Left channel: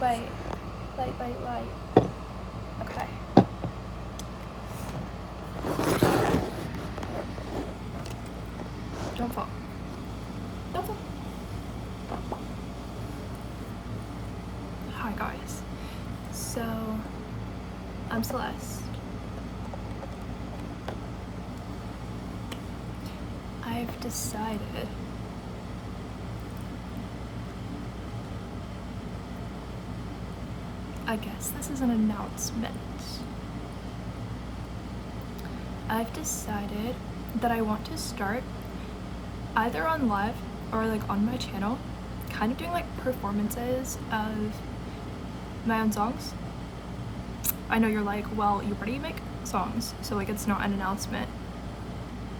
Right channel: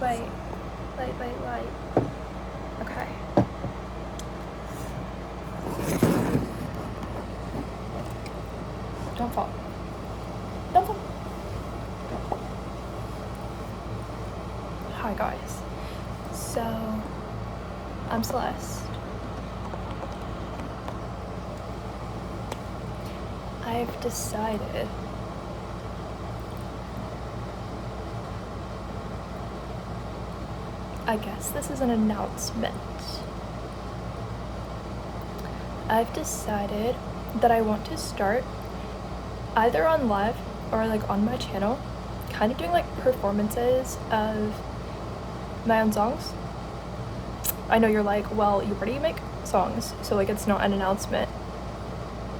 Wait. Wait. Okay. Don't fall. Don't fall. Hi guys. So, I'm Celeste. I've decided I guess this is an announcement. I've decided that I want to start either on live or like on my channel, kind of doing like performances of my own songs. I know you're like, well, you already make songs, so like it's not an announcement,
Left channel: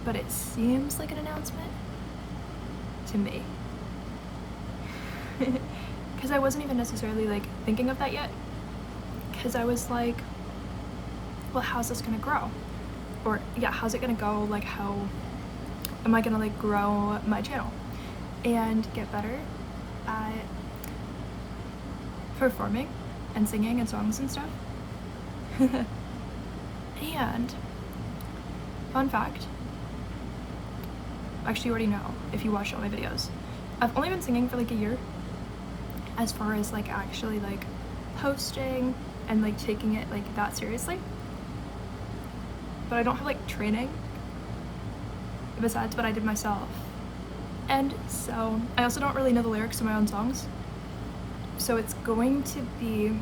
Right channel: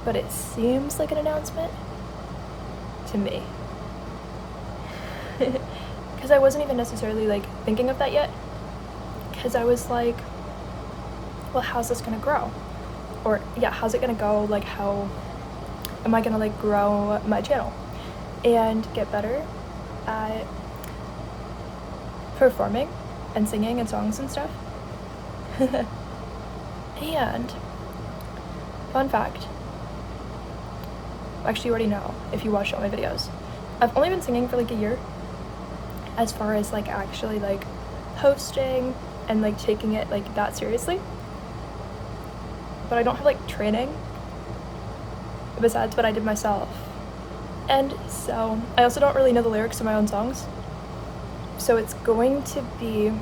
but it seems like an announcement to me. Because I wasn't even necessarily like thinking of that yet, because I was like, well, how's this gonna grow? Or yeah, how's it gonna go? Like, how am I gonna like grow my channel and get better at performing and singing and songs and stuff? And fun fact, actually you already know if you watched all my videos, I've only been singing for like a year as far as like actually like posting and like taking it like that seriously, but I don't have like training besides what I did myself, and so I also don't really know the lyrics to my own songs, so it's going to be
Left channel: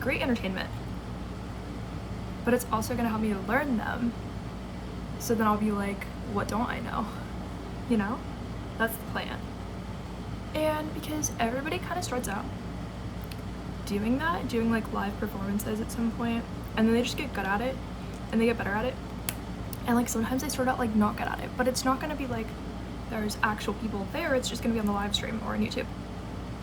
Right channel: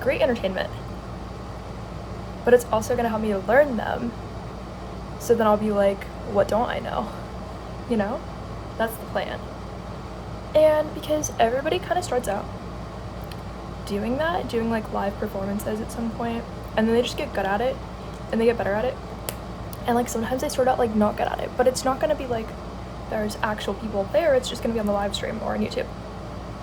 great entertainment, but it's also going to help me to learn them, so then I'll be like, what don't I know, you know? That's the plan. And because everybody kind of starts out doing that, doing like live performances at some point, and then they just get good at it and they get better at it, and like sometimes they start out like not good at it, but it's not going to be like there's actual people there, it's just going to be on the live stream or on YouTube.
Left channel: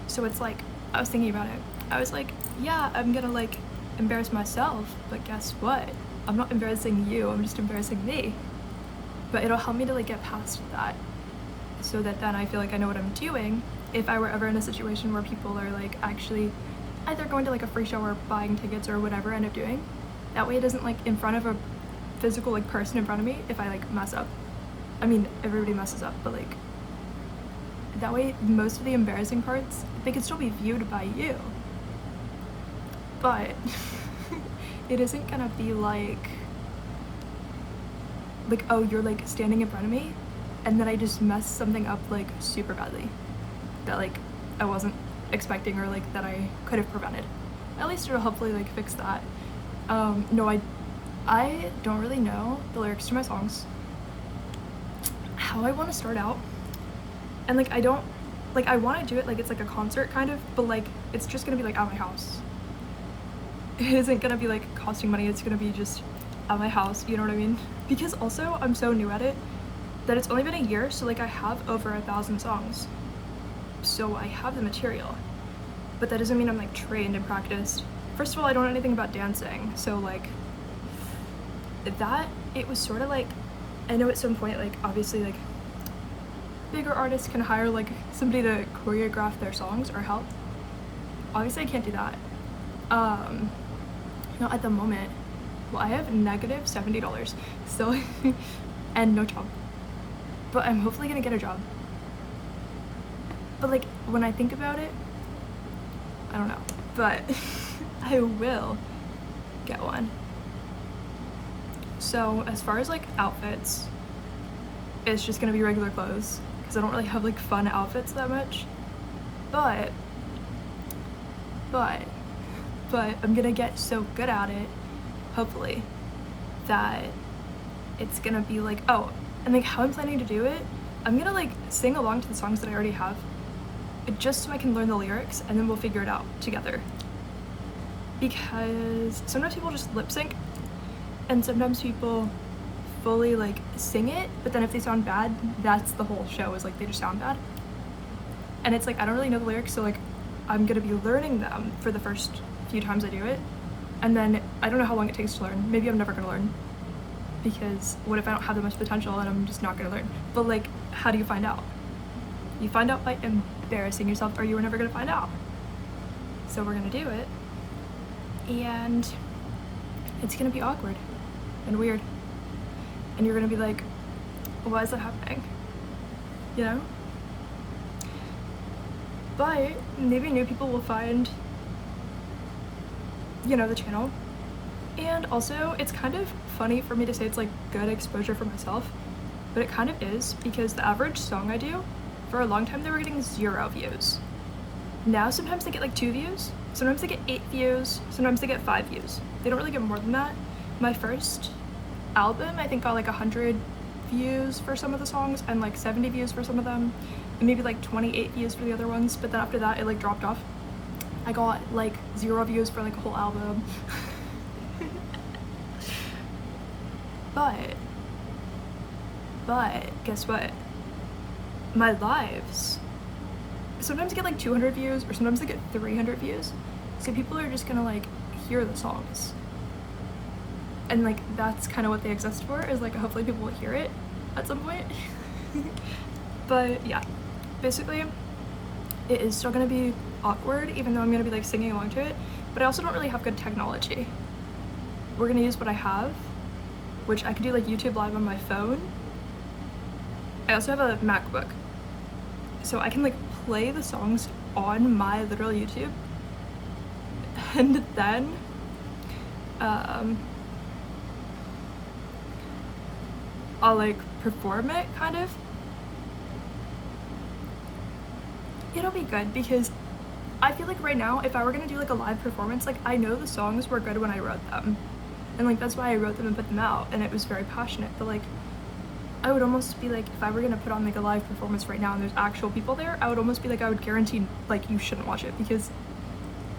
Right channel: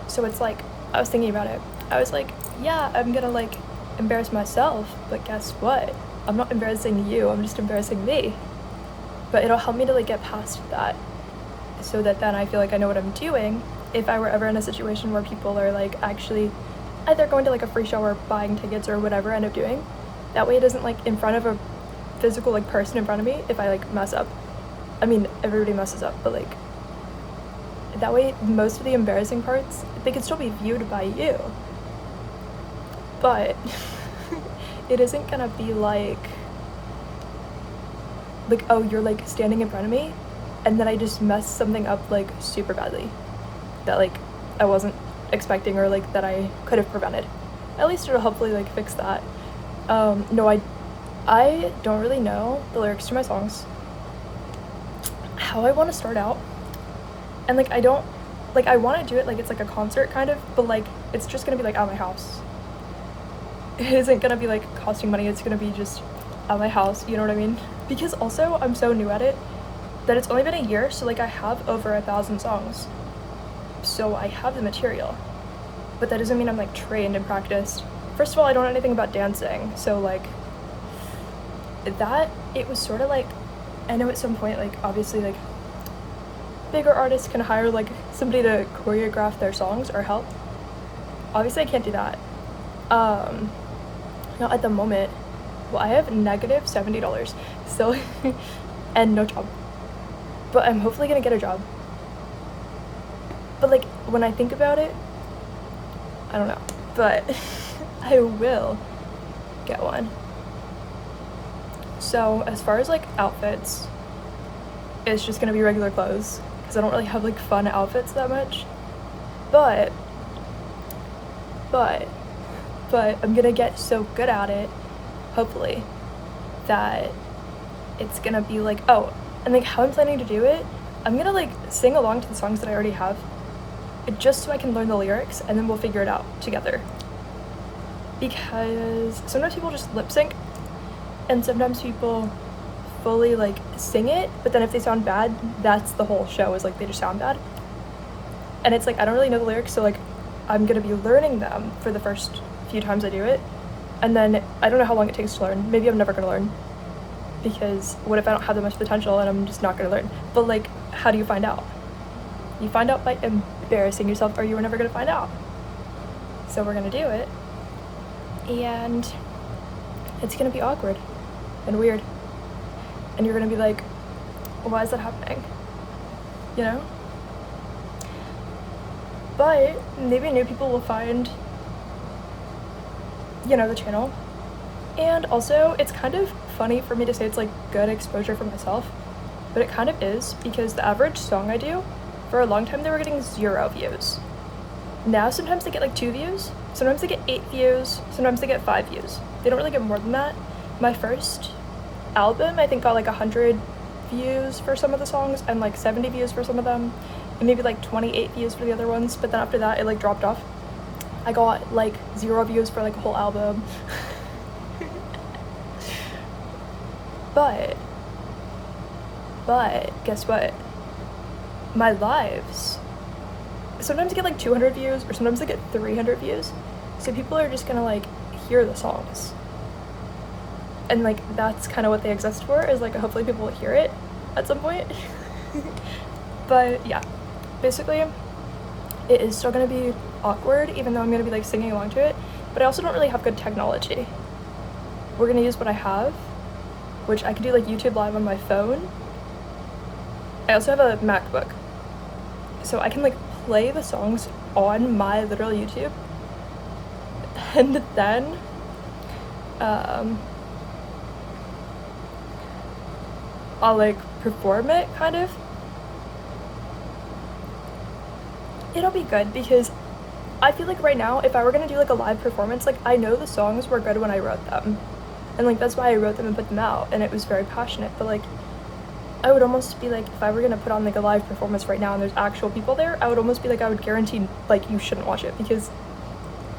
So it's like, I was thinking about it, I was like, yeah, I'm gonna like embarrass myself, but guess what, I'm not embarrassing you, I'm just embarrassing me. But it'll help me to like get past that, so that then I feel like I know what I'm doing if I were ever in a situation where people are like actually either going to like a free show or buying tickets or whatever I end up doing. That way it isn't like in front of a physical like person in front of me if I like mess up. I mean, everybody messes up, but like that way most of the embarrassing parts, they can still be viewed by you, but it isn't gonna be like oh, you're like standing in front of me and then I just messed something up like super badly that like I wasn't expecting, or like that I could have prevented. At least it'll hopefully like fix that. No, I don't really know the lyrics to my songs, how I want to start out, and like I don't like, I want to do it like it's like a concert kind of, but like it's just gonna be like at my house. It isn't gonna be like costing money, it's gonna be just at my house, you know what I mean? Because also I'm so new at it that it's only been a year, so like I have over 1,000 songs, so I have the material, but that doesn't mean I'm like trained and practiced. First of all, I don't know anything about dancing, so like that, it was sort of like, I know at some point like obviously like bigger artists can hire like somebody to choreograph their songs or help. Obviously I can't do that, not at the moment. Well, I have negative $70 still and no job, but I'm hopefully gonna get a job. But like when I think about it, I don't know, but I will get one. So as far as like outfits, it's just gonna be regular clothes because I don't really have like fun outfits that much, but I'm gonna get so good at it, hopefully, that it's gonna be like, oh, and like how I'm planning to do it, I'm gonna like sing along to the songs that I already have, just so I can learn the lyrics, and then we'll figure it out together. Because sometimes people just lip sync, and sometimes people fully like sing it, but then if they sound bad, that's the whole show, is like they just sound bad. And it's like I don't really know the lyrics, so like I'm gonna be learning them for the first few times I do it, and then I don't know how long it takes to learn. Maybe I'm never gonna learn, because what if I don't have that much potential and I'm just not gonna learn? But like, how do you find out? You find out by embarrassing yourself, or you were never gonna find out. So we're gonna do it, and it's gonna be awkward and weird, and you're gonna be like, why is that happening? You know? But maybe new people will find, you know, the channel. And also, it's kind of funny for me to say it's like good exposure for myself, but it kind of is, because the average song I do, for a long time they were getting 0 views. Now sometimes they get like 2 views, sometimes they get 8 views, sometimes they get 5 views. They don't really get more than that. My first album, I think, got like 100 views for some of the songs and like 70 views for some of them, and maybe like 28 views for the other ones, but then after that it like dropped off. I got like 0 views for like a whole album. But guess what? My lives sometimes get like 200 views, or sometimes they get 300 views. So people are just gonna like hear the songs. And like that's kind of what they exist for, is like hopefully people will hear it at some point. But yeah, basically it is still gonna be awkward, even though I'm gonna be like singing along to it. But I also don't really have good technology. We're gonna use what I have, which I can do like YouTube Live on my phone. I also have a MacBook, so I can like play the songs on my literal YouTube, and then I'll like perform it, kind of. It'll be good, because I feel like right now, if I were gonna do like a live performance, like I know the songs were good when I wrote them, and like that's why I wrote them and put them out, and it was very passionate. But like I would almost be like, if I were gonna put on like a live performance right now and there's actual people there, I would almost be like, I would guarantee like you shouldn't watch it, because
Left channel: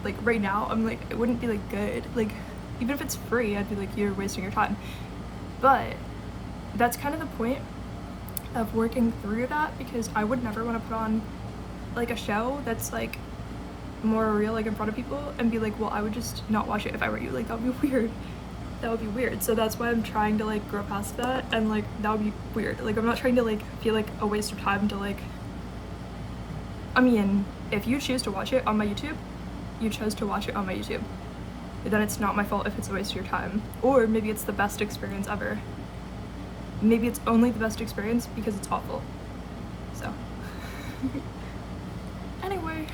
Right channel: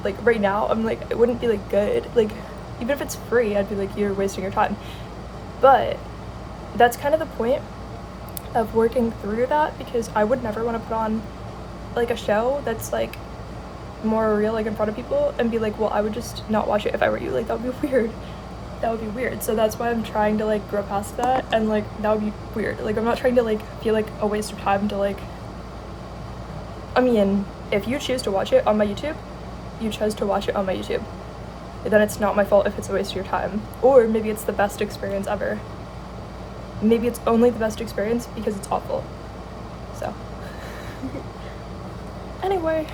like right now I'm like, it wouldn't be like good. Like even if it's free, I'd be like, you're wasting your time. But that's kind of the point of working through that, because I would never want to put on like a show that's like more real, like in front of people, and be like, well, I would just not watch it if I were you. Like that would be weird. That would be weird. So that's why I'm trying to like grow past that, and like that would be weird. Like I'm not trying to like feel like a waste of time to like, I mean, if you choose to watch it on my YouTube, you chose to watch it on my YouTube. Then it's not my fault if it's a waste of your time. Or maybe it's the best experience ever. Maybe it's only the best experience because it's awful. So anyway,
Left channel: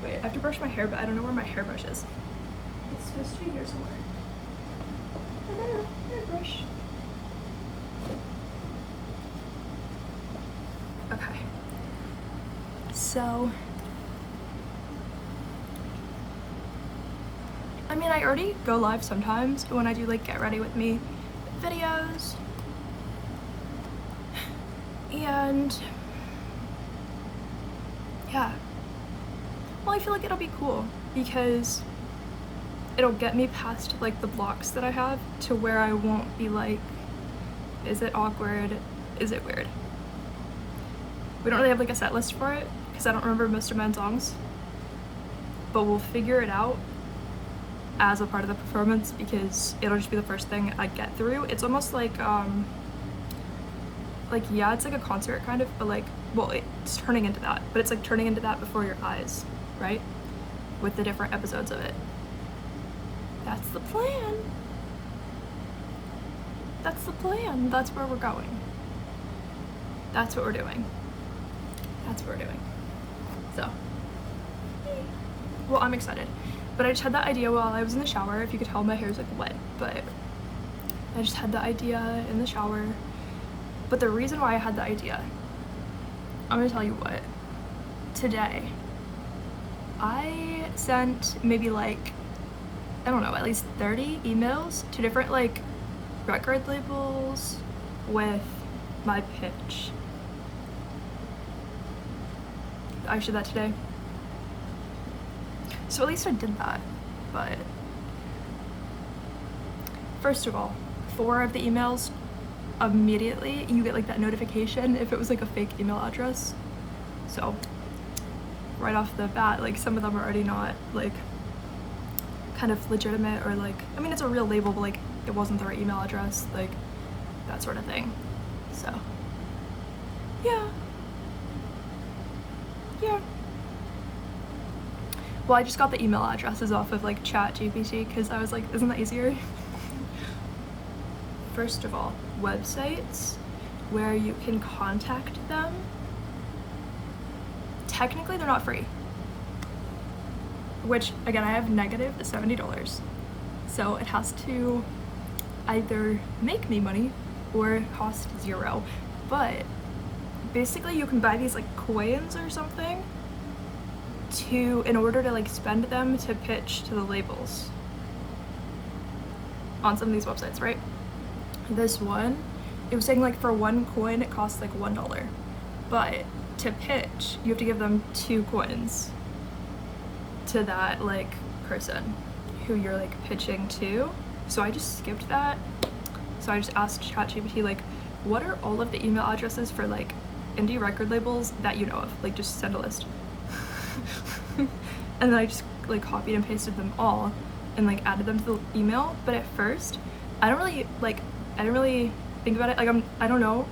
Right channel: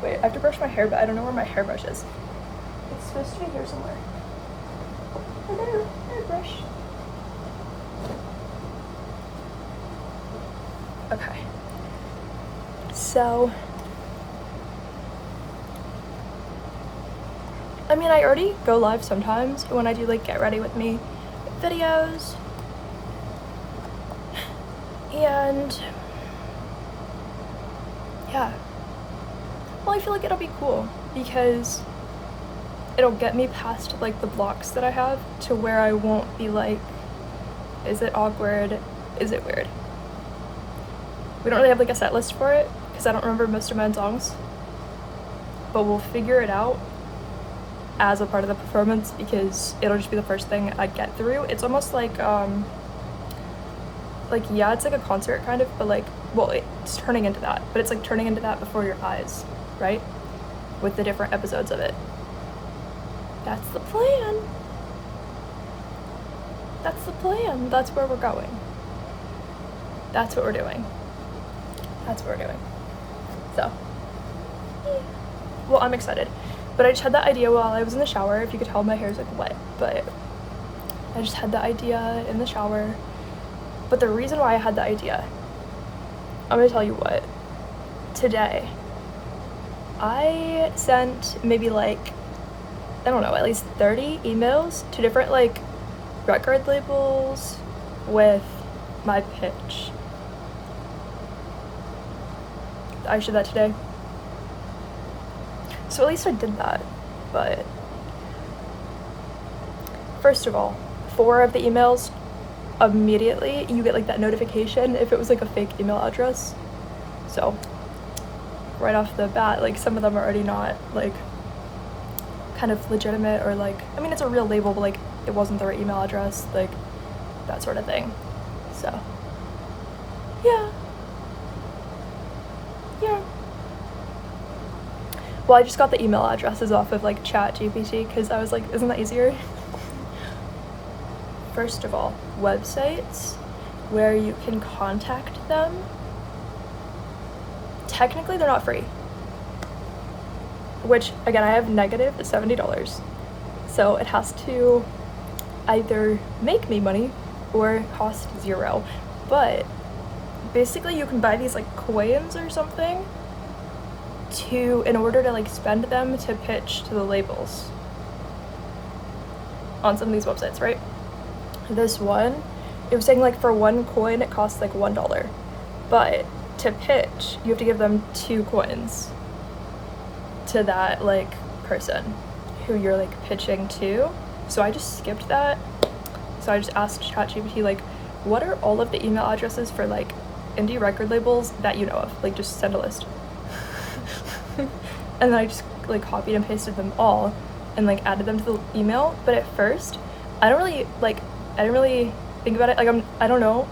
wait, I have to brush my hair, but I don't know where my hairbrush is. It's supposed to be here somewhere. I got a hairbrush. Okay. So, I mean, I already go live sometimes when I do like get ready with me videos. And yeah. Well, I feel like it'll be cool, because it'll get me past like the blocks that I have to where I won't be like, is it awkward? Is it weird? We don't really have like a set list for it, because I don't remember most of my own songs, but we'll figure it out as a part of the performance, because it'll just be the first thing I get through. It's almost like yeah, it's like a concert kind of, but like, well, it's turning into that, but it's like turning into that before your eyes, right? With the different episodes of it. That's the plan. That's the plan. That's where we're going. That's what we're doing. That's what we're doing. So, well, I'm excited. But I just had that idea while I was in the shower. If you could tell, my hair's like wet, but I just had the idea in the shower. But the reason why I had the idea, I'm gonna tell you what. Today, I sent maybe like, I don't know, at least 30 emails to different like record labels with my pitch. I did that today. So at least I did that. But first of all, 4 of the emails, immediately you get like that notification if it was like a fake email address. So right off the bat, like some of them are already not like kind of legitimate, or like, I mean, it's a real label, but like it wasn't the right email address, like that sort of thing. So yeah. Well, I just got the email addresses off of like ChatGPT because I was like, isn't that easier? First of all, websites where you can contact them, technically they're not free. Which, again, I have negative $70. So it has to either make me money or cost zero. But basically you can buy these like coins or something in order to like spend them to pitch to the labels on some of these websites, right? This one, it was saying like for 1 coin it costs like $1, but to pitch you have to give them 2 coins to that like person who you're like pitching to. So I just skipped that. So I just asked ChatGPT like, what are all of the email addresses for like indie record labels that you know of? Like, just send a list. And then I just like copied and pasted them all and like added them to the email. But at first I didn't really think about it. Like I don't know,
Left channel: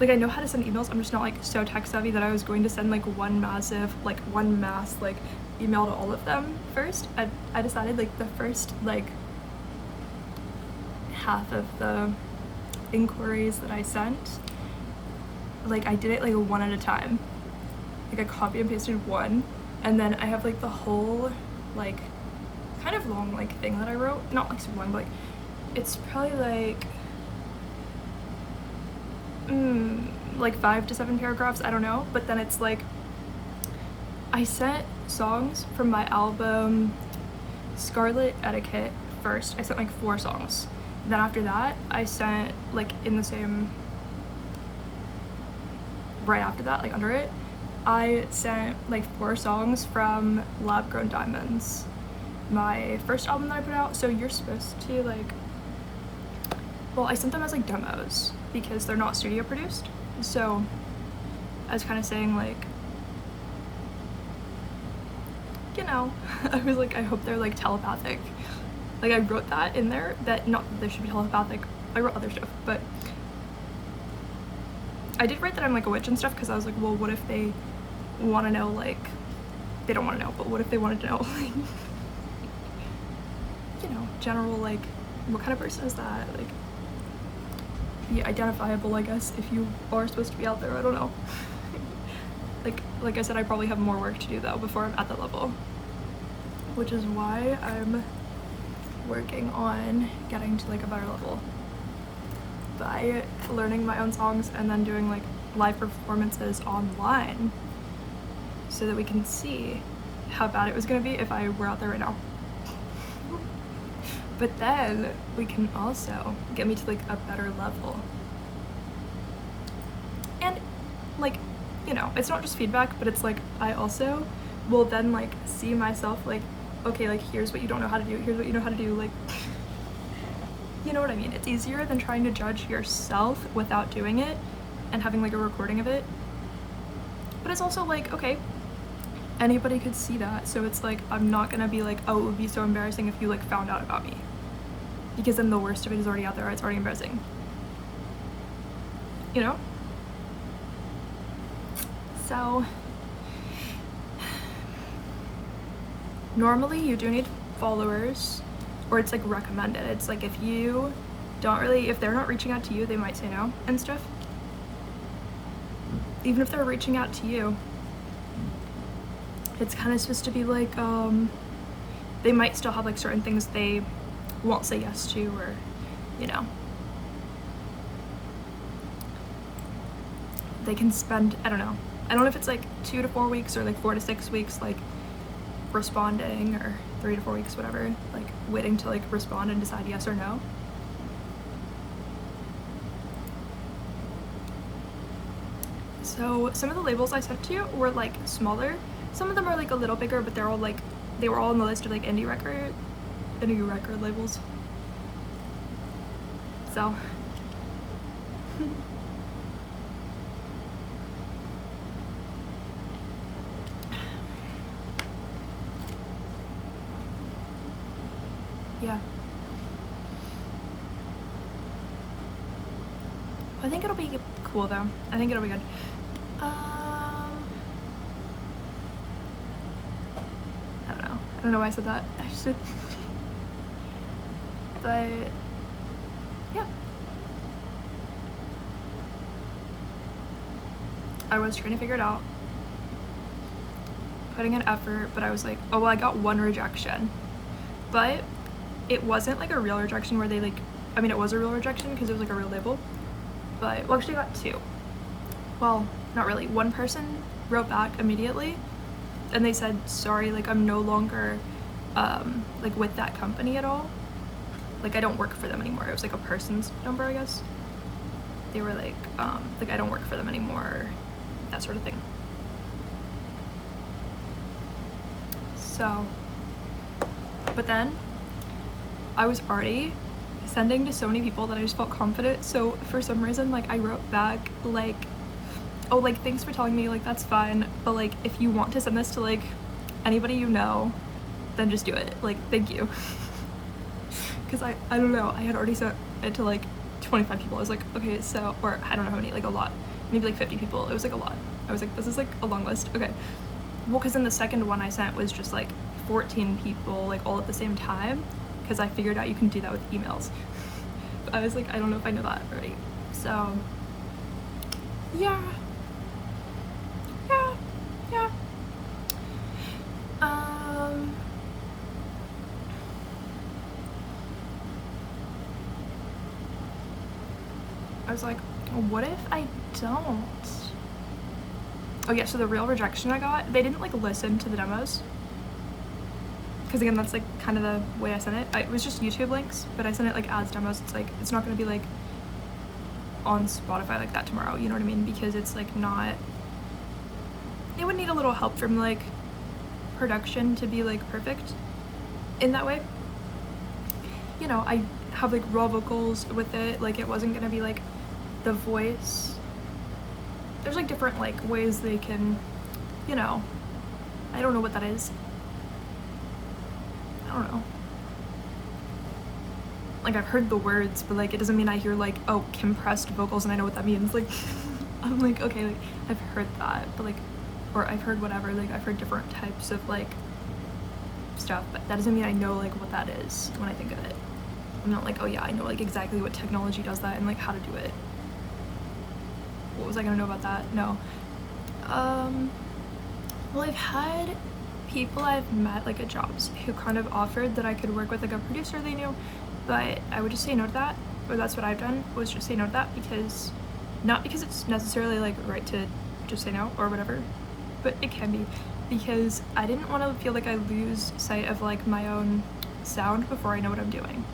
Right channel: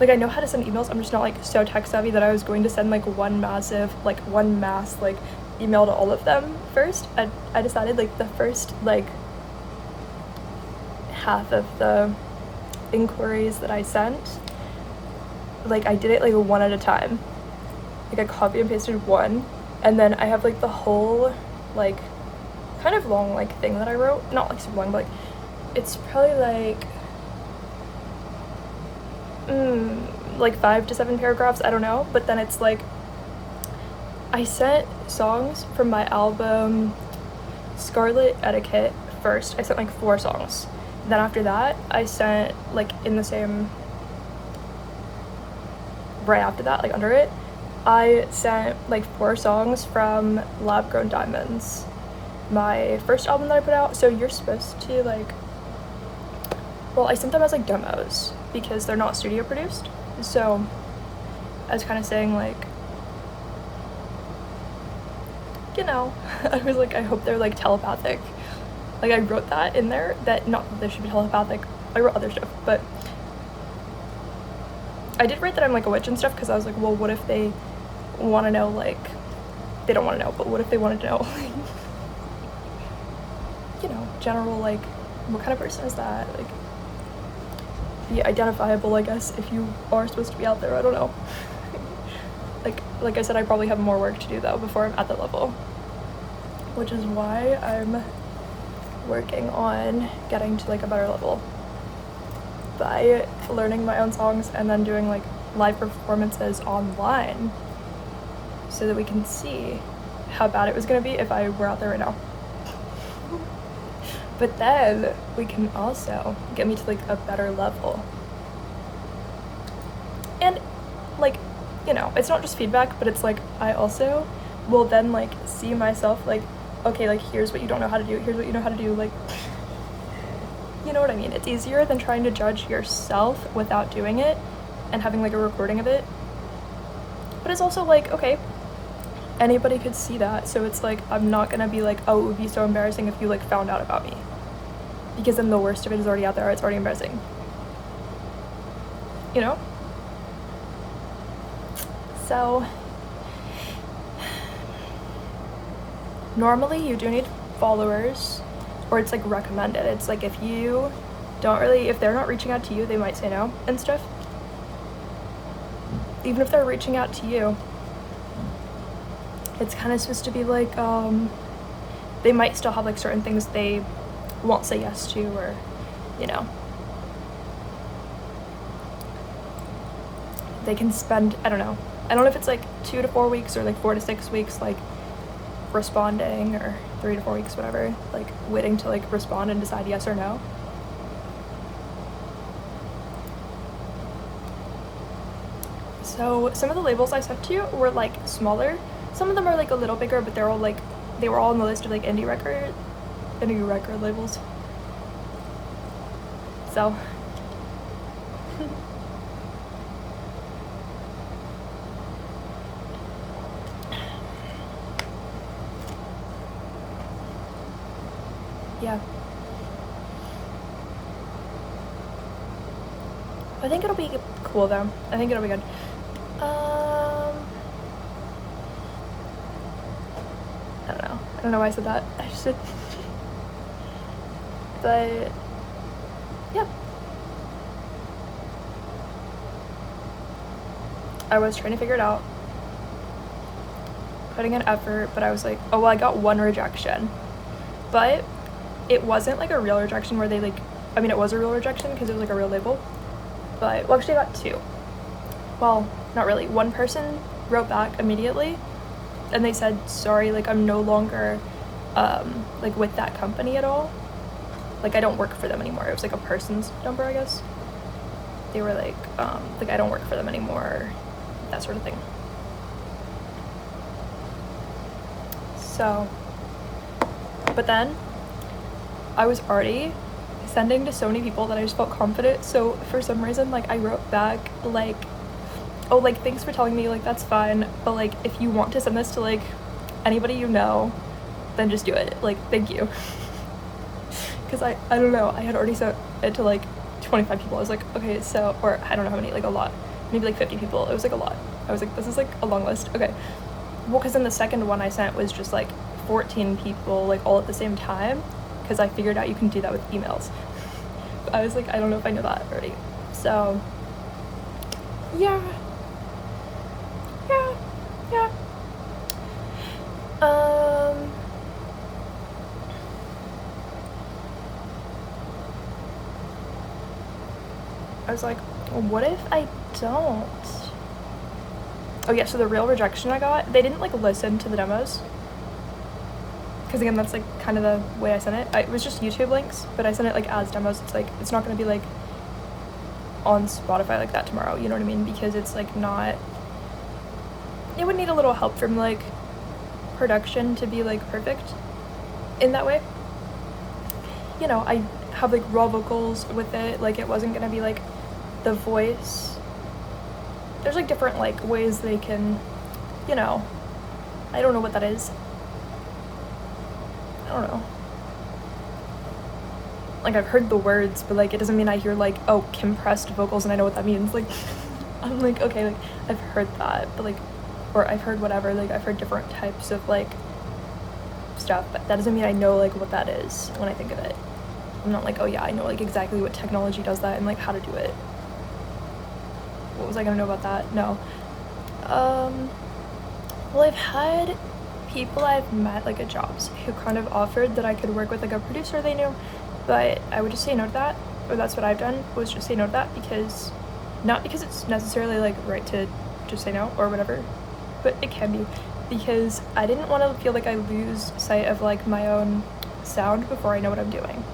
like I know how to send emails, I'm just not like so tech savvy that I was going to send like one mass like email to all of them first. I decided like the first like half of the inquiries that I sent, like I did it like one at a time. Like I copy and pasted one, and then I have like the whole like kind of long like thing that I wrote, not like super long, but like it's probably like 5 to 7 paragraphs, I don't know. But then it's like I sent songs from my album Scarlet Etiquette first. I sent like 4 songs. Then after that I sent like in the same, right after that, like under it, I sent like 4 songs from Lab Grown Diamonds, my first album that I put out. So you're supposed to like, well, I sent them as like demos because they're not studio produced. So I was kind of saying like, you know, I was like, I hope they're like telepathic. Like I wrote that in there, that not that they should be telepathic. I wrote other stuff, but I did write that I'm like a witch and stuff because I was like, well, what if they want to know, like, they don't want to know, but what if they wanted to know, you know, general, like, what kind of person is that? Like, yeah, identifiable, I guess, if you are supposed to be out there, I don't know. like I said, I probably have more work to do though before I'm at that level, which is why I'm working on getting to like a better level by learning my own songs and then doing like live performances online so that we can see how bad it was gonna be if I were out there right now. But then we can also get me to like a better level. And like, you know, it's not just feedback, but it's like I also will then like see myself like, okay, like here's what you don't know how to do, here's what you know how to do, like, you know what I mean? It's easier than trying to judge yourself without doing it and having like a recording of it. But it's also like, okay, anybody could see that, so it's like I'm not gonna be like, oh, it would be so embarrassing if you like found out about me, because then the worst of it is already out there, it's already embarrassing, you know? So normally you do need followers, or it's like recommended. It's like if you don't really, if they're not reaching out to you, they might say no and stuff. Even if they're reaching out to you, it's kind of supposed to be like, they might still have like certain things they won't say yes to, or, you know, they can spend, I don't know if it's like 2 to 4 weeks or like 4 to 6 weeks like responding, or 3 to 4 weeks, whatever, like waiting to like respond and decide yes or no. So some of the labels I sent to you were like smaller, some of them are like a little bigger, but they're all like, they were all on the list of like indie record labels. So yeah, I think it'll be cool though. I think it'll be good. I don't know why I said that. I just did. But yeah, I was trying to figure it out, putting in effort, but I was like, oh well, I got one rejection, but it wasn't like a real rejection where they like, I mean it was a real rejection because it was like a real label, but well actually I got two. Well, not really. One person wrote back immediately and they said, sorry, like I'm no longer like with that company at all. Like I don't work for them anymore. It was like a person's number, I guess. They were like I don't work for them anymore, that sort of thing. So, but then I was already sending to so many people that I just felt confident. So for some reason, like I wrote back like, oh, like thanks for telling me, like that's fine, but like if you want to send this to like anybody you know, then just do it. Like thank you. Because I don't know, I had already sent it to like 25 people. I was like, okay, so, or I don't know how many, like a lot, maybe like 50 people. It was like a lot. I was like, this is like a long list. Okay, well, because then the second one I sent was just like 14 people, like all at the same time, because I figured out you can do that with emails. But I was like, I don't know if I know that already. So yeah. I was like, what if I don't? Oh yeah, so the real rejection I got, they didn't like listen to the demos. Because again, that's like kind of the way I sent it. It was just YouTube links, but I sent it like as demos. It's like, it's not going to be like on Spotify like that tomorrow, you know what I mean? Because it's like not, it would need a little help from like production to be like perfect in that way. You know, I have like raw vocals with it, like it wasn't going to be like the voice. There's like different like ways they can, you know, I don't know what that is. I don't know. Like I've heard the words, but like it doesn't mean I hear like, oh, compressed vocals and I know what that means. Like I'm like, okay, like I've heard that, but like, or I've heard whatever, like I've heard different types of like stuff, but that doesn't mean I know like what that is when I think of it. I'm not like, oh yeah, I know like exactly what technology does that and like how to do it. What was I gonna know about that? No. Well, I've had people I've met like at jobs who kind of offered that I could work with like a producer they knew, but I would just say no to that. Or that's what I've done, was just say no to that, because not because it's necessarily like right to just say no or whatever, but it can be, because I didn't want to feel like I lose sight of like my own sound before I know what I'm doing,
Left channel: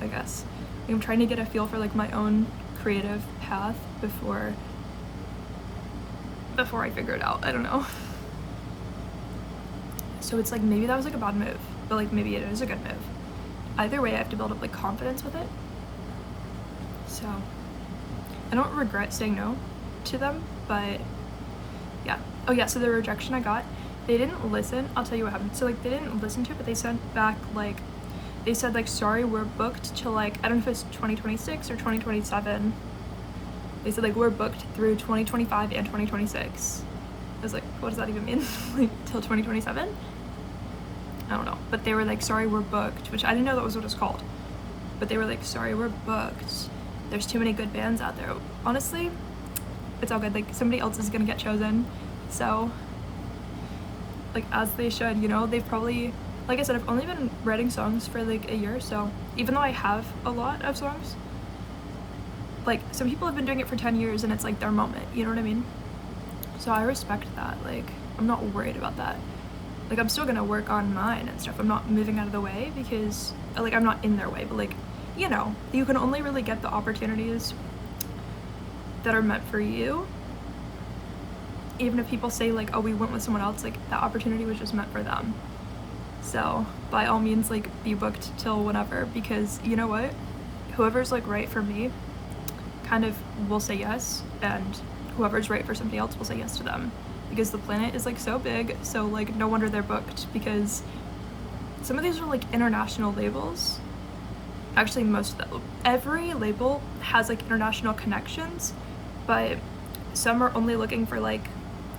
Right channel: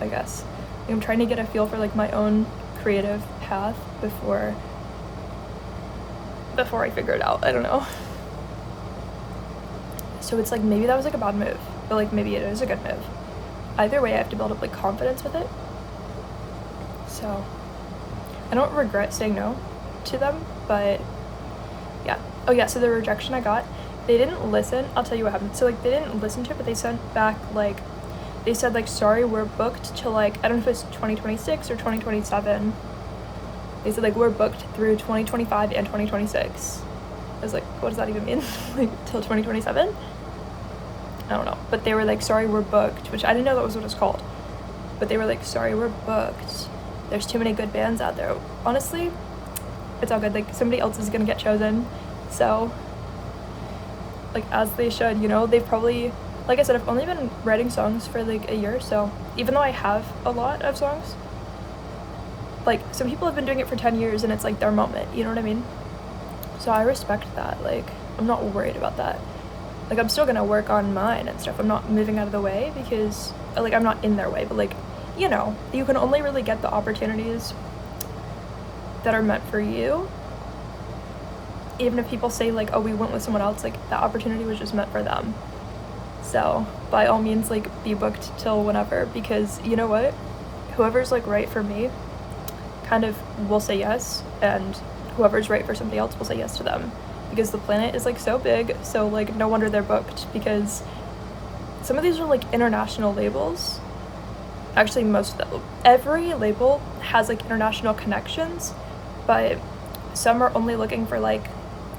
I guess. Like, I'm trying to get a feel for like my own creative path before I figure it out. I don't know. So it's like maybe that was like a bad move, but like maybe it is a good move. Either way, I have to build up like confidence with it. So I don't regret saying no to them, but yeah. Oh yeah, so the rejection I got, they didn't listen. I'll tell you what happened. So like they didn't listen to it, but they sent back like, they said like, sorry, we're booked till like, I don't know if it's 2026 or 2027. They said like, we're booked through 2025 and 2026. I was like, what does that even mean? Like till 2027? I don't know. But they were like, sorry, we're booked, which I didn't know that was what it's called. But they were like, sorry, we're booked. There's too many good bands out there. Honestly, it's all good. Like somebody else is gonna get chosen. So like as they should, you know, they've probably, like I said, I've only been writing songs for like a year. So even though I have a lot of songs, like some people have been doing it for 10 years and it's like their moment, you know what I mean? So I respect that. Like I'm not worried about that. Like I'm still gonna work on mine and stuff. I'm not moving out of the way because like I'm not in their way, but like, you know, you can only really get the opportunities that are meant for you. Even if people say like, oh, we went with someone else, like that opportunity was just meant for them. So by all means, like be booked till whenever, because you know what, whoever's like right for me kind of will say yes, and whoever's right for somebody else will say yes to them, because the planet is like so big. So like no wonder they're booked, because some of these are like international labels. Actually most of them, every label has like international connections, but some are only looking for like,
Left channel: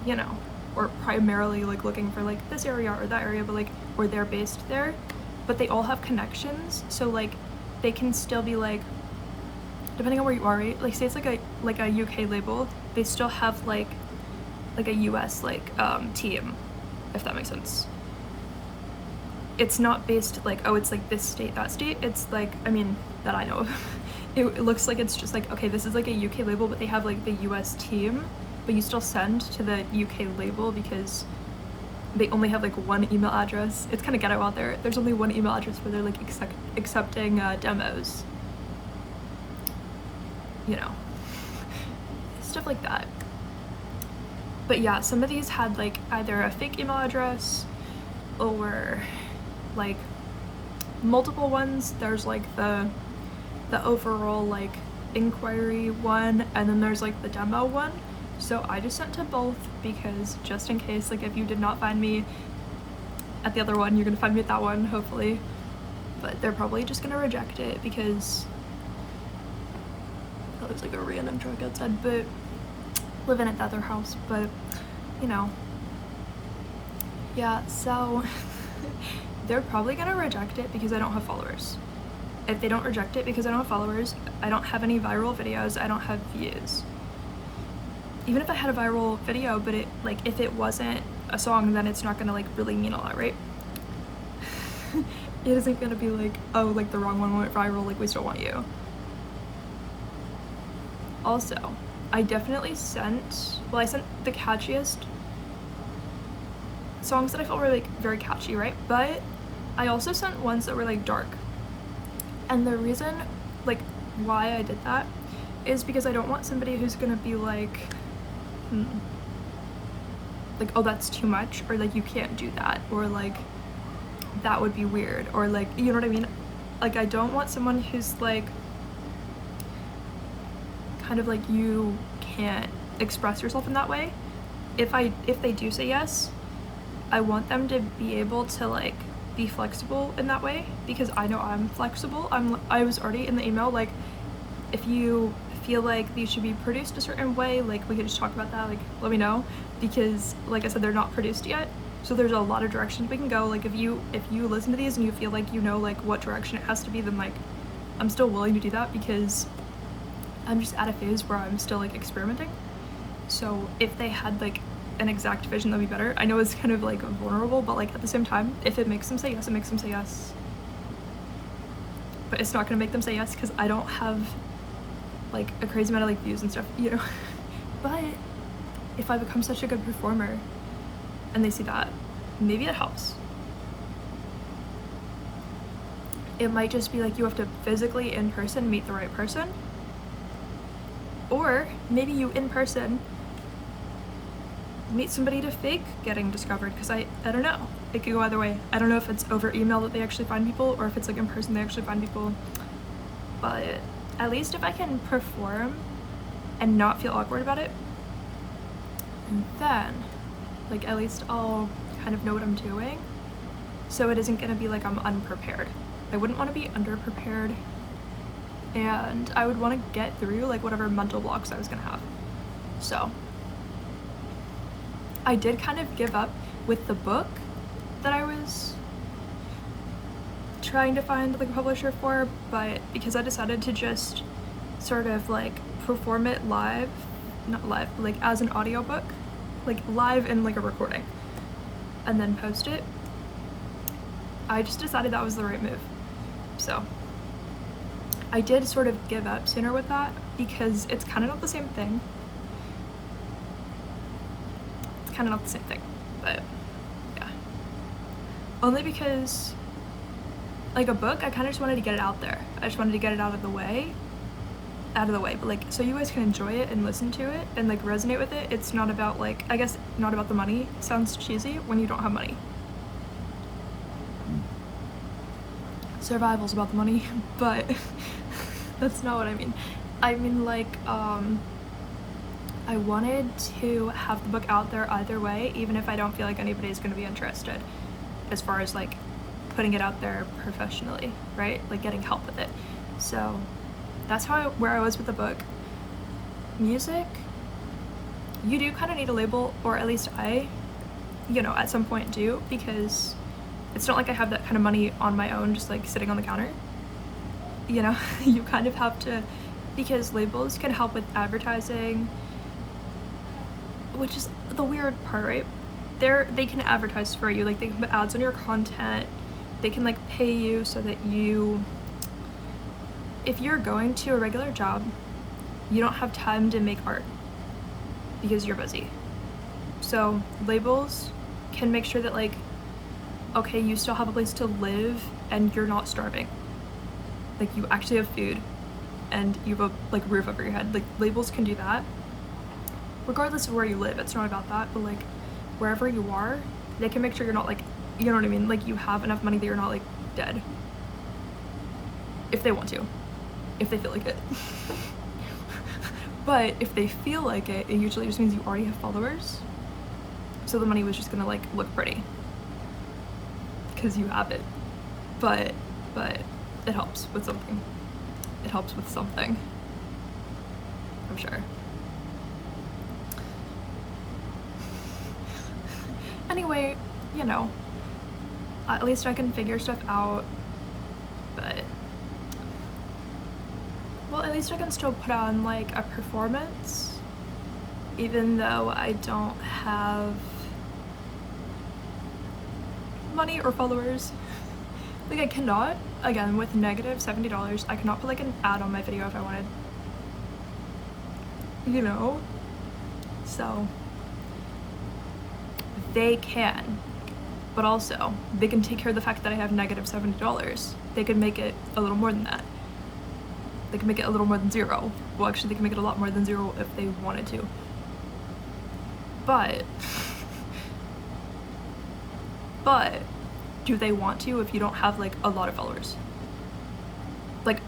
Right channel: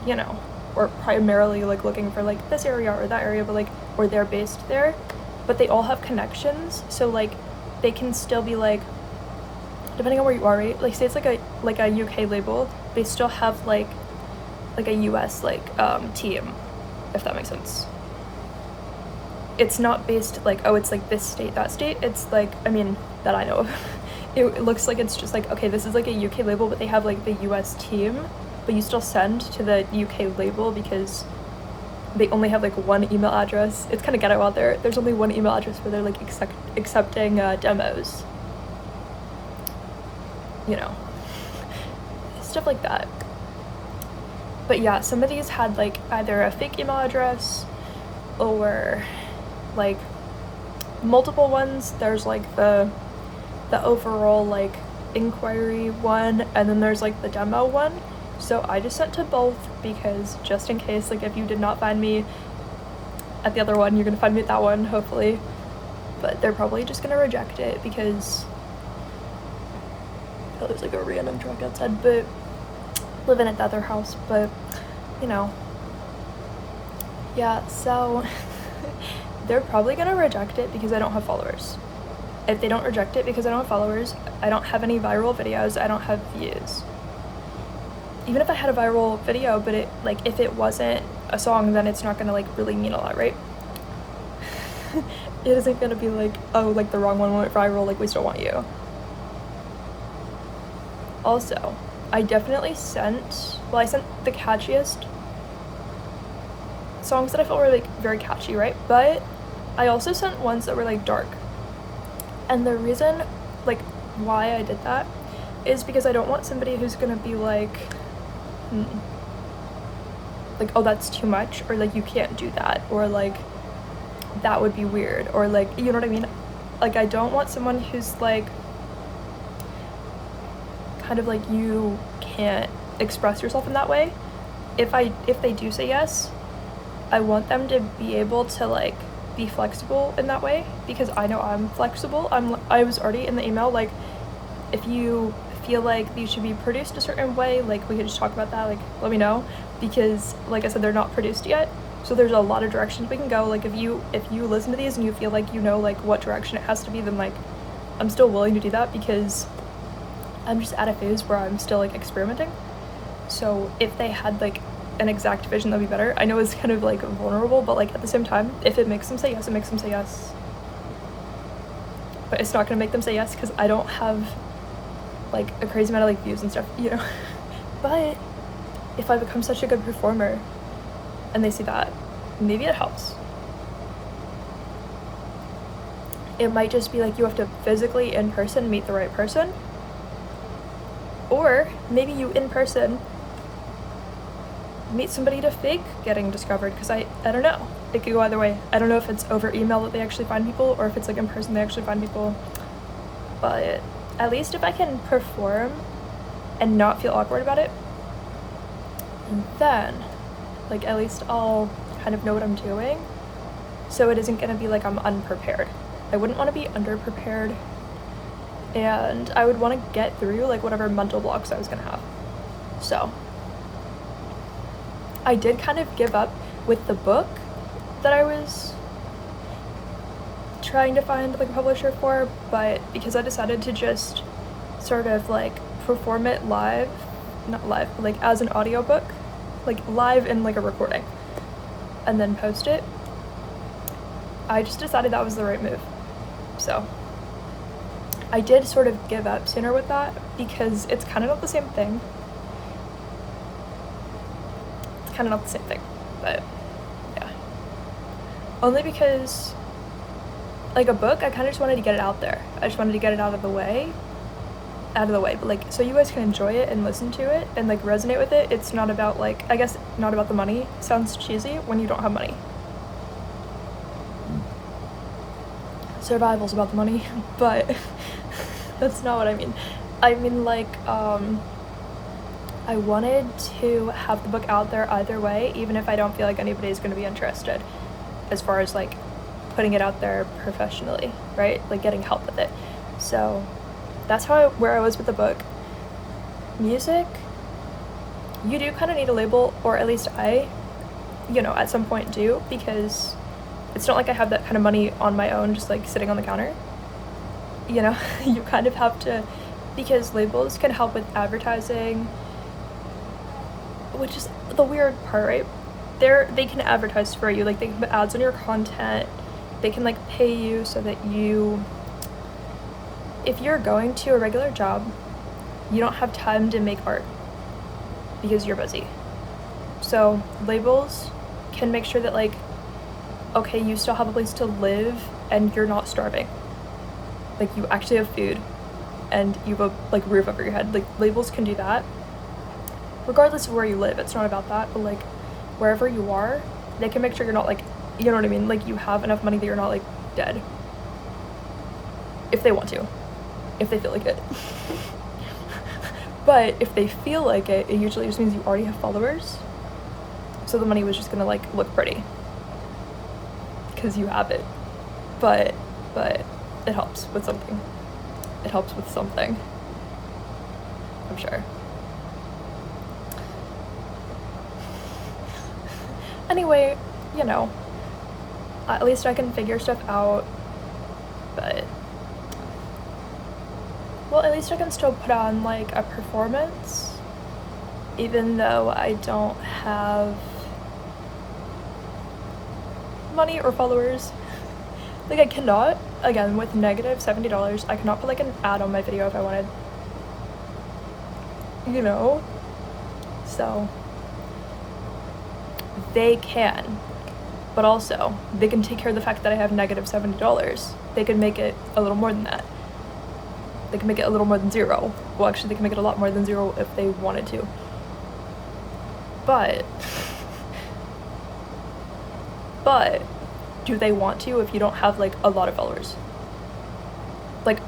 you know, or primarily like looking for like this area or that area, but like or they're based there, but they all have connections, so like they can still be like, depending on where you are, right? Like say it's like a UK label, they still have like a US like team, if that makes sense. It's not based like, oh, it's like this state, that state. It's like, I mean, that I know of. It looks like it's just like, okay, this is like a UK label, but they have like the US team, but you still send to the UK label because they only have like one email address. It's kind of ghetto out there. There's only one email address where they're like accepting demos. You know, stuff like that. But yeah, some of these had like either a fake email address or like multiple ones. There's like the overall like inquiry one, and then there's like the demo one. So I just sent to both because just in case, like if you did not find me at the other one, you're gonna find me at that one, hopefully. But they're probably just gonna reject it because oh, there's like a random truck outside, but living at the other house, but you know. Yeah, so they're probably gonna reject it because I don't have followers. If they don't reject it because I don't have followers, I don't have any viral videos, I don't have views. Even if I had a viral video, but it like if it wasn't a song, then it's not gonna like really mean a lot, right? It isn't gonna be like, oh, like the wrong one went viral, like we still want you. Also, I definitely sent the catchiest songs that I felt were like very catchy, right? But I also sent ones that were like dark. And the reason like why I did that is because I don't want somebody who's gonna be like, like, oh, that's too much, or like you can't do that, or like that would be weird, or like, you know what I mean? Like I don't want someone who's like kind of like you can't express yourself in that way. If they do say yes, I want them to be able to like be flexible in that way, because I know I'm flexible. I was already in the email like, if you feel like these should be produced a certain way, like we could just talk about that, like let me know, because like I said, they're not produced yet, so there's a lot of directions we can go. Like if you listen to these and you feel like you know like what direction it has to be, then like I'm still willing to do that, because I'm just at a phase where I'm still like experimenting. So if they had like an exact vision, that'd be better. I know it's kind of like vulnerable, but like at the same time, if it makes them say yes, it makes them say yes. But it's not gonna make them say yes because I don't have like a crazy amount of like views and stuff, you know. But if I become such a good performer and they see that, maybe it helps. It might just be like you have to physically in person meet the right person, or maybe you in person meet somebody to fake getting discovered, because I don't know, it could go either way. I don't know if it's over email that they actually find people, or if it's like in person they actually find people. But at least if I can perform and not feel awkward about it, and then like at least I'll kind of know what I'm doing, so it isn't gonna be like I'm unprepared. I wouldn't want to be underprepared, and I would want to get through like whatever mental blocks I was gonna have. So I did kind of give up with the book that I was trying to find like a publisher for, but because I decided to just sort of like perform it live, not live, but like as an audiobook, like live in like a recording, and then post it, I just decided that was the right move. So I did sort of give up sooner with that because it's kind of not the same thing. Kind of not the same thing, but yeah, only because like a book, I kind of just wanted to get it out there. I just wanted to get it out of the way, but like so you guys can enjoy it and listen to it and like resonate with it. It's not about like, I guess not about the money. Sounds cheesy when you don't have money. Survival's about the money, but that's not what I mean. I mean like I wanted to have the book out there either way, even if I don't feel like anybody's going to be interested, as far as like putting it out there professionally, right? Like getting help with it. So that's where I was with the book. Music, you do kind of need a label, or at least I, you know, at some point do, because It's not like I have that kind of money on my own just like sitting on the counter. You know, you kind of have to, because labels can help with advertising, which is the weird part, right? They can advertise for you, like they can put ads on your content, they can like pay you so that you, if you're going to a regular job, you don't have time to make art because you're busy. So labels can make sure that like, okay, you still have a place to live and you're not starving. Like you actually have food and you have a like roof over your head. Like labels can do that regardless of where you live. It's not about that, but like wherever you are, they can make sure you're not like, you know what I mean? Like you have enough money that you're not like dead. If they want to, if they feel like it. But if they feel like it usually just means you already have followers. So the money was just gonna like look pretty because you have it. But it helps with something. It helps with something, I'm sure. Anyway, you know, at least I can figure stuff out, but, well, at least I can still put on like a performance, even though I don't have money or followers. Like I cannot, again, with negative $70, I cannot put like an ad on my video if I wanted, you know? So they can, but also they can take care of the fact that I have negative $70. They could make it a little more than that. They can make it a little more than zero. Well, actually they can make it a lot more than zero if they wanted to. But do they want to if you don't have like a lot of followers? Like,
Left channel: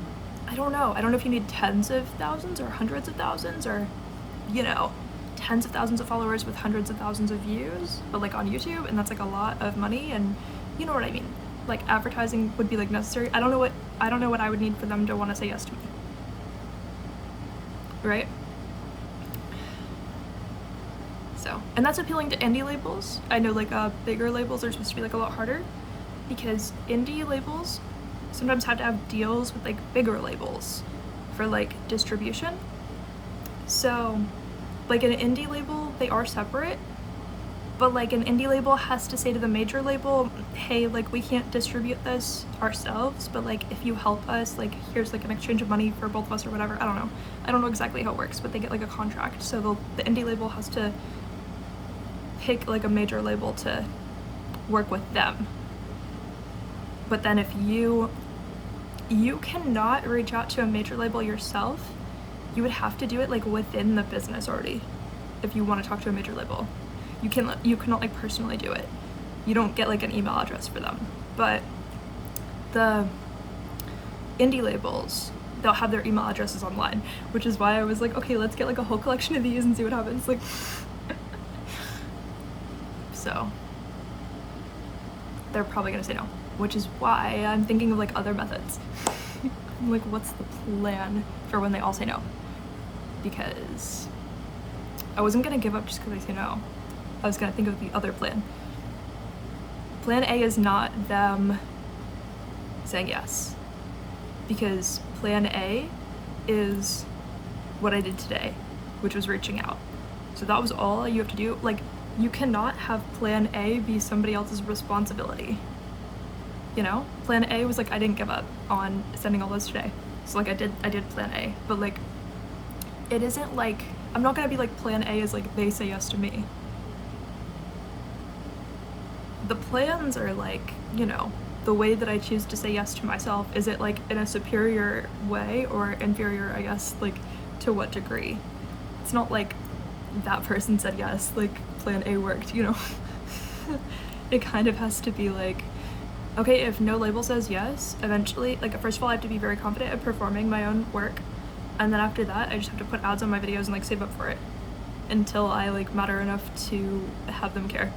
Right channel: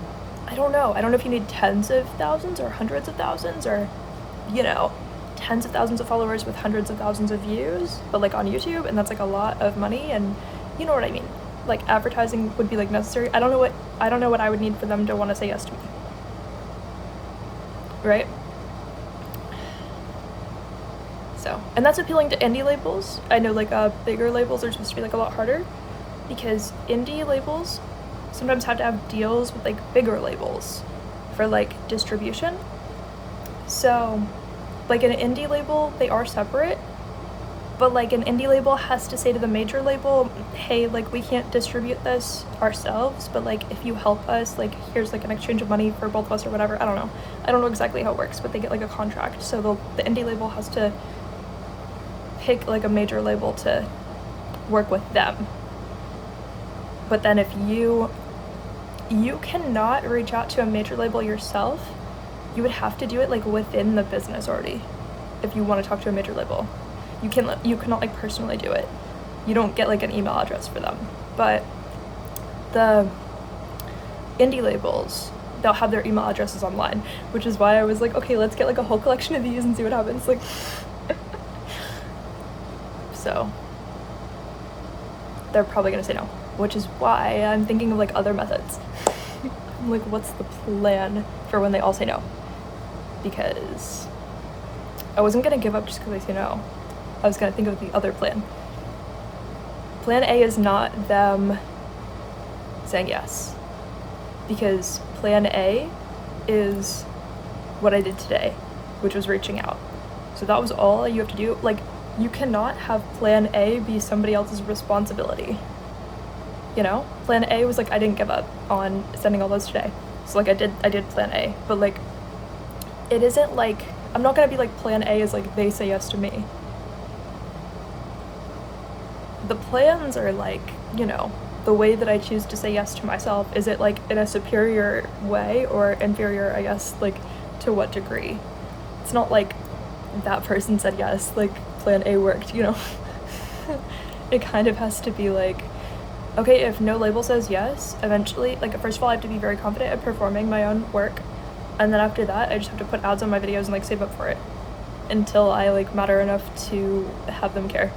I don't know if you need tens of thousands or hundreds of thousands or, you know, tens of thousands of followers with hundreds of thousands of views, but like on YouTube, and that's like a lot of money, and you know what I mean? Like advertising would be like necessary. I don't know what I would need for them to want to say yes to me. Right? So, and that's appealing to indie labels. I know like bigger labels are supposed to be like a lot harder because indie labels sometimes have to have deals with like bigger labels for like distribution. So like an indie label, they are separate, but like an indie label has to say to the major label, hey, like we can't distribute this ourselves, but like if you help us, like here's like an exchange of money for both of us or whatever. I don't know exactly how it works, but they get like a contract. So the indie label has to pick like a major label to work with them. But then if you cannot reach out to a major label yourself, you would have to do it like within the business already. If you want to talk to a major label, you cannot like personally do it. You don't get like an email address for them. But the indie labels, they'll have their email addresses online, which is why I was like, okay, let's get like a whole collection of these and see what happens. Like, so they're probably gonna say no, which is why I'm thinking of like other methods. I'm like, what's the plan for when they all say no? Because I wasn't gonna give up just because they say no. I was gonna think of the other plan. Plan A is not them saying yes, because plan A is what I did today, which was reaching out. So that was all you have to do. Like, you cannot have plan A be somebody else's responsibility. You know, plan A was like, I didn't give up on sending all those today. So like I did plan A, but like, it isn't like, I'm not gonna be like plan A is like, they say yes to me. The plans are like, you know, the way that I choose to say yes to myself. Is it like in a superior way or inferior, I guess, like to what degree? It's not like that person said yes, like plan A worked, you know? It kind of has to be like, okay, if no label says yes, eventually, like first of all, I have to be very confident at performing my own work. And then after that, I just have to put ads on my videos and like save up for it until I like matter enough to have them care.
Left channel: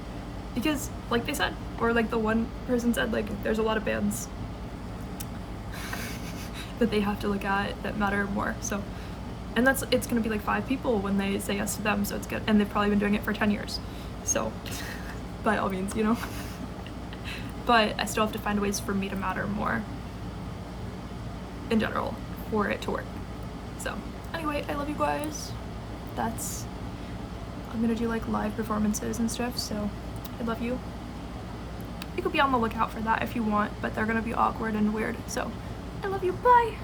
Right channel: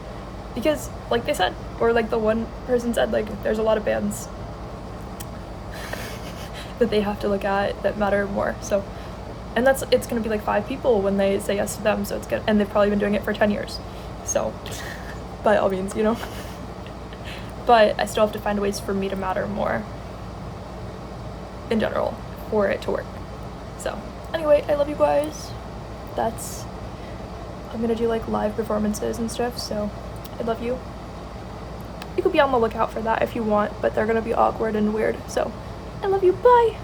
Because like they said, or like the one person said, like there's a lot of bands that they have to look at that matter more. So, and it's gonna be like 5 people when they say yes to them, so it's good. And they've probably been doing it for 10 years. So by all means, you know, but I still have to find ways for me to matter more in general for it to work. So anyway, I love you guys. I'm gonna do like live performances and stuff, so I love you. You could be on the lookout for that if you want, but they're gonna be awkward and weird, so I love you. Bye.